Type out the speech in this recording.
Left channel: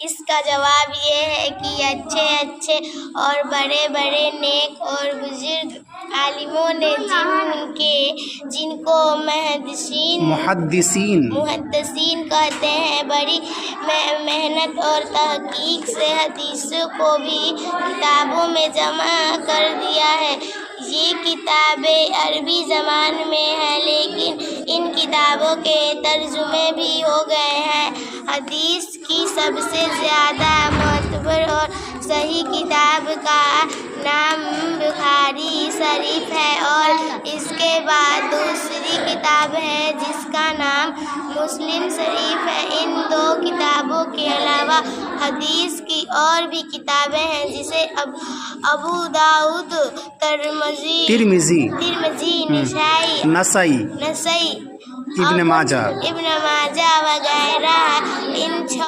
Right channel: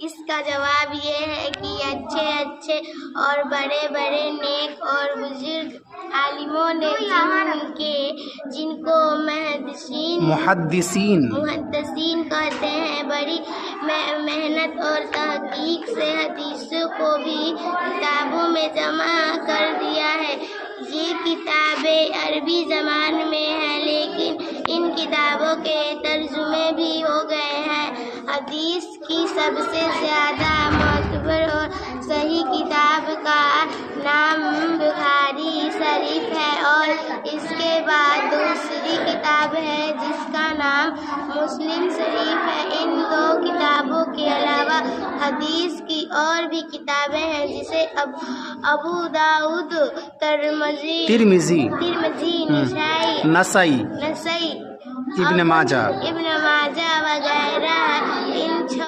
इसका जवाब ये है कि अच्छे अच्छे और बड़े बड़े नेक और बुजुर्ग आलिमों ने जिनको मुहद्दिसीन कहते हैं बड़ी मेहनत और तहकीक से हदीसों को भी किताबों में जमा कर दिया है। ये किताबें अरबी ज़बान में है, लेकिन इन किताबों के तर्जुमे भी हो गए हैं। हदीस की सबसे ज़्यादा मोतबर और सही किताब का नाम बुखारी शरीफ है और इसके बाद दूसरी किताब है जिसका नाम मुस्लिम शरीफ है। इन दो किताबों के अलावा हदीस की और भी किताबें हैं जिसे अबू दाऊद, तिरमिज़ी, नसाई, इब्न माजा वगैरह। इन